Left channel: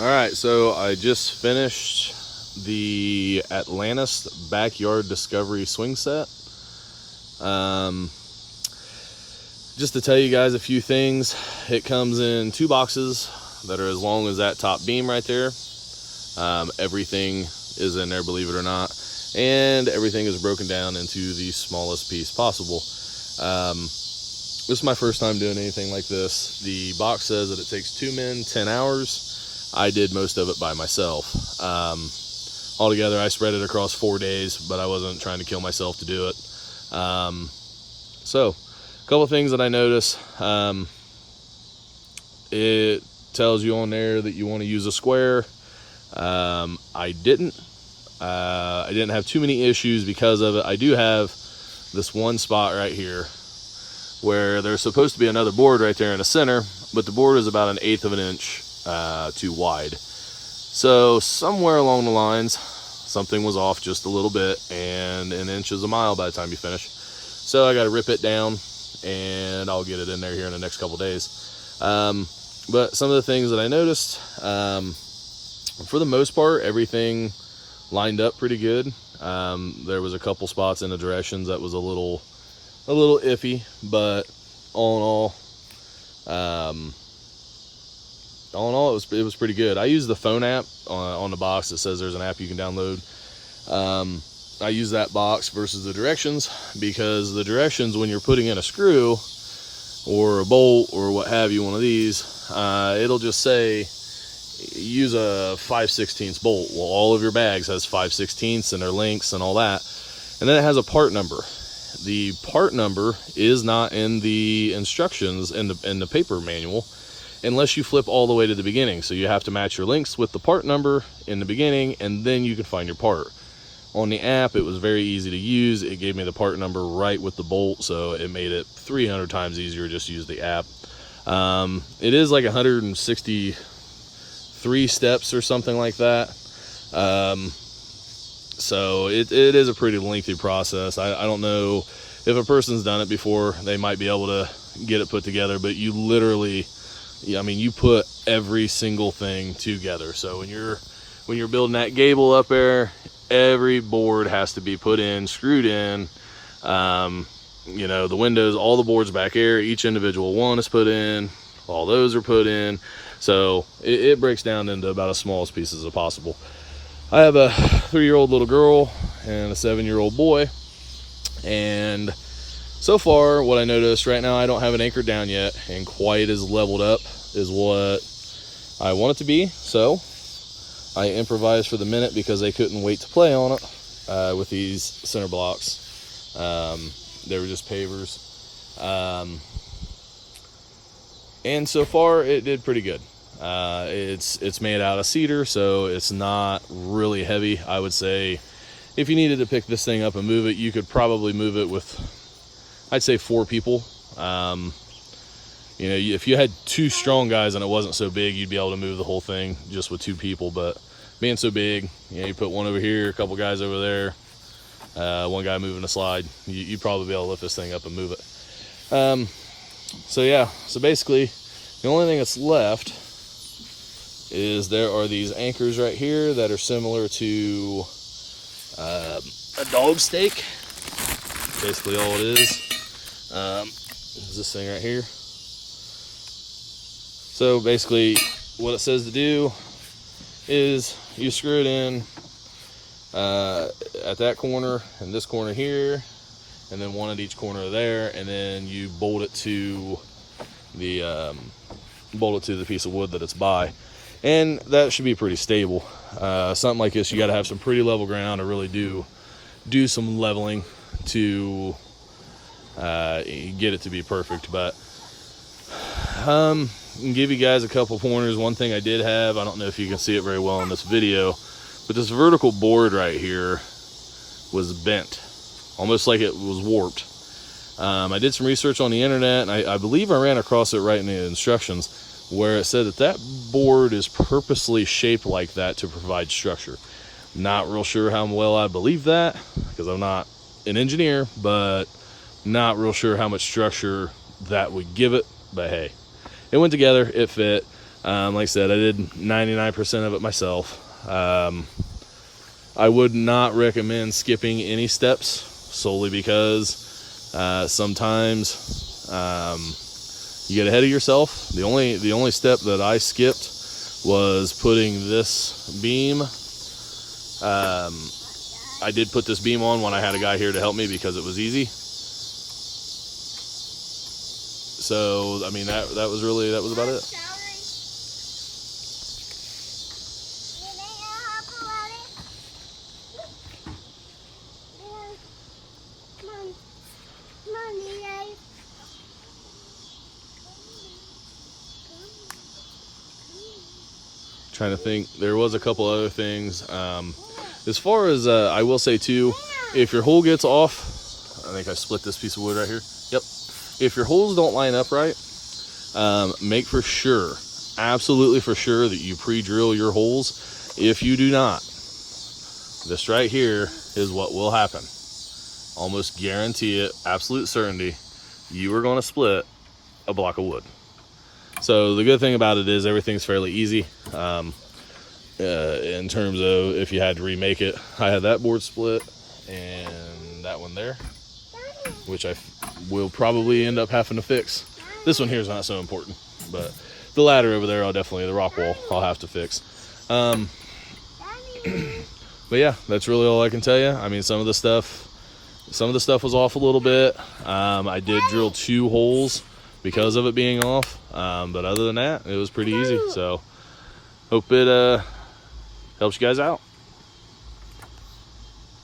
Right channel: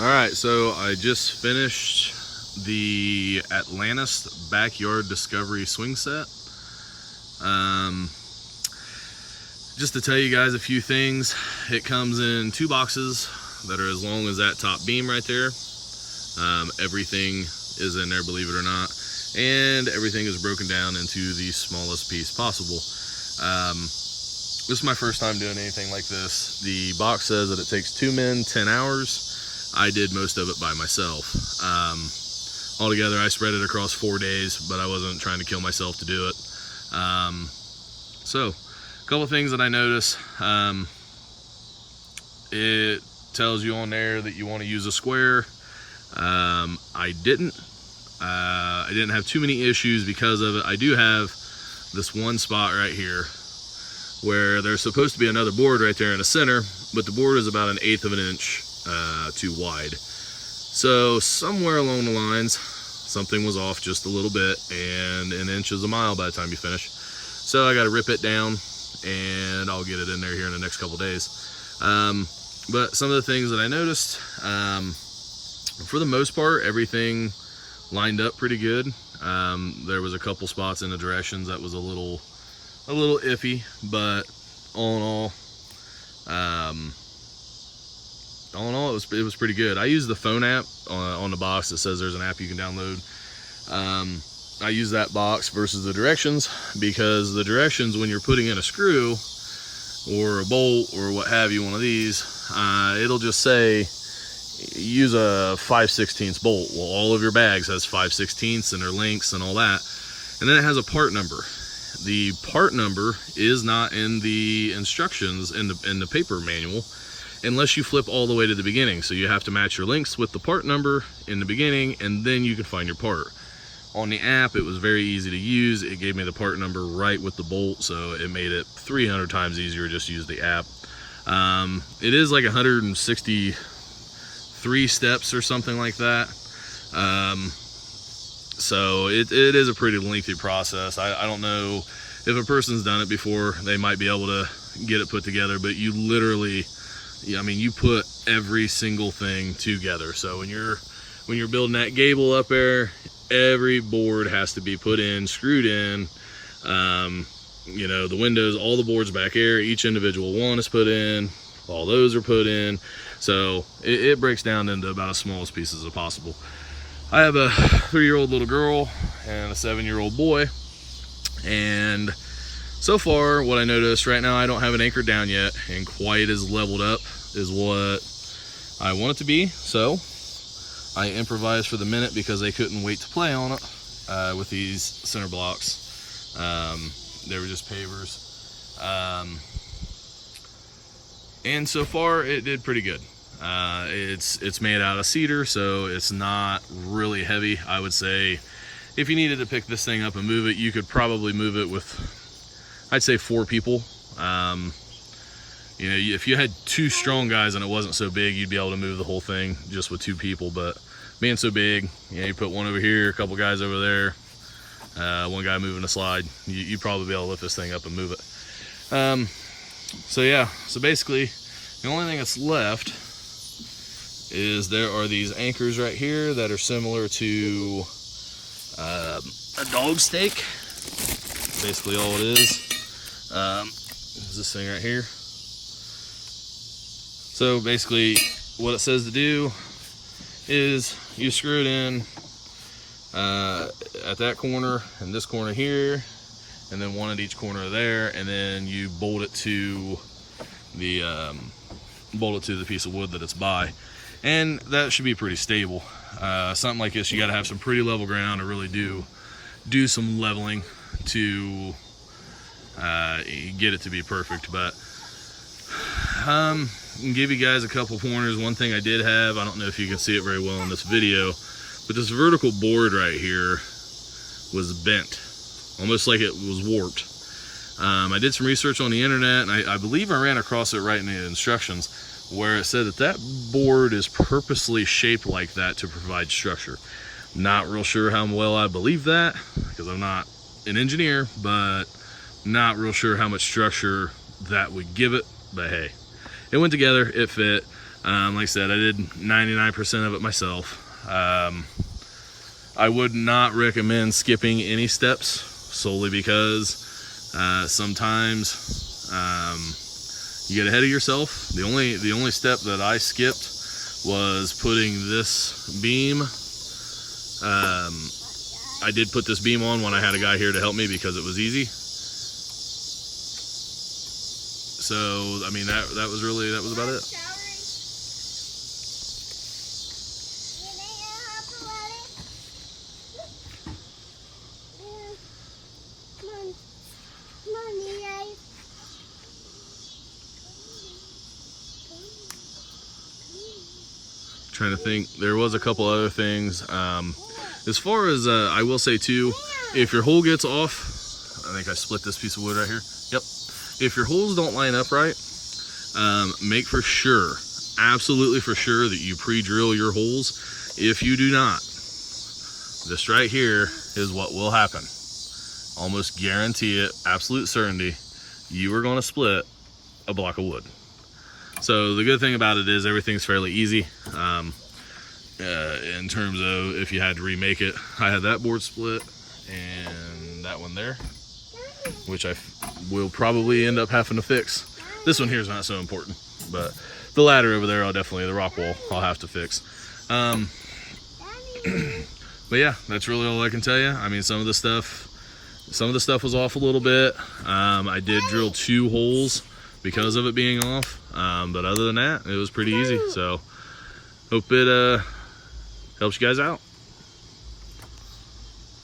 All right, so I just finished the Atlantis Backyard Discovery swing set. Just to tell you guys a few things, it comes in 2 boxes that are as long as that top beam right there. Everything is in there, believe it or not, and everything is broken down into the smallest piece possible. This is my first time doing anything like this. The box says that it takes 2 men, 10 hours. I did most of it by myself. Altogether, I spread it across 4 days, but I wasn't trying to kill myself to do it. So, a couple of things that I noticed. It tells you on there that you want to use a square. I didn't have too many issues because of it. I do have this one spot right here where there's supposed to be another board right there in the center, but the board is about 1/8 of an inch too wide. So somewhere along the lines, something was off just a little bit, and 1 inch is a mile by the time you finish. So I got to rip it down, and I'll get it in there here in the next couple days. But some of the things that I noticed, for the most part, everything lined up pretty good. There was a couple spots in the directions that was a little iffy, but all in all, it was pretty good. I use the phone app on the box that says there's an app you can download. I use that box versus the directions, because the directions, when you're putting in a screw or a bolt or what have you, one of these, it'll just say use a 5/16 bolt. Well, all of your bags has 5/16 and their lengths and all that, and then it has a part number. The part number is not in the instructions in the paper manual unless you flip all the way to the beginning. So you have to match your lengths with the part number in the beginning, and then you can find your part. On the app, it was very easy to use. It gave me the part number right with the bolt, so it made it 300 times easier to just use the app. It is like 163 steps or something like that. So it is a pretty lengthy process. I don't know if a person's done it before, they might be able to get it put together, but you literally, I mean, you put every single thing together. So when you're building that gable up there, every board has to be put in, screwed in. You know, the windows, all the boards back there, each individual one is put in, all those are put in. So it breaks down into about as small as pieces as possible. I have a 3-year-old little girl and a 7-year-old boy, and so far what I noticed right now, I don't have it anchored down yet and quite as leveled up as what I want it to be. So I improvised for the minute because they couldn't wait to play on it with these center blocks. They were just pavers, and so far it did pretty good. It's made out of cedar, so it's not really heavy. I would say if you needed to pick this thing up and move it, you could probably move it with, I'd say, 4 people. You know, if you had 2 strong guys and it wasn't so big, you'd be able to move the whole thing just with 2 people. But being so big, you know, you put one over here, a couple guys over there, one guy moving a slide, you'd probably be able to lift this thing up and move it. So yeah, so basically the only thing that's left is there are these anchors right here that are similar to a dog stake. Basically all it is this thing right here. So basically what it says to do is you screw it in at that corner and this corner here, and then one at each corner there, and then you bolt it to the piece of wood that it's by, and that should be pretty stable. Something like this, you got to have some pretty level ground to really do some leveling to get it to be perfect. But I can give you guys a couple pointers. One thing I did have, I don't know if you can see it very well in this video, but this vertical board right here was bent, almost like it was warped. I did some research on the internet, and I believe I ran across it right in the instructions, where it said that board is purposely shaped like that to provide structure. Not real sure how well I believe that, because I'm not an engineer, but not real sure how much structure that would give it. But hey, it went together, it fit. Like I said, I did 99% of it myself. I would not recommend skipping any steps, solely because sometimes you get ahead of yourself. The only step that I skipped was putting this beam. I did put this beam on when I had a guy here to help me because it was easy. So I mean that was about it. Trying to think, there was a couple other things. As far as I will say too, if your hole gets off, I think I split this piece of wood right here. Yep. If your holes don't line up right, make for sure, absolutely for sure, that you pre-drill your holes. If you do not, this right here is what will happen. Almost guarantee it, absolute certainty, you are going to split a block of wood. So the good thing about it is everything's fairly easy in terms of if you had to remake it. I had that board split and that one there, which I will probably end up having to fix. This one here is not so important, but the ladder over there, the rock wall, I'll have to fix. But yeah, that's really all I can tell you. I mean, some of the stuff was off a little bit. I did drill 2 holes because of it being off, but other than that, it was pretty easy. So hope it helps you guys out.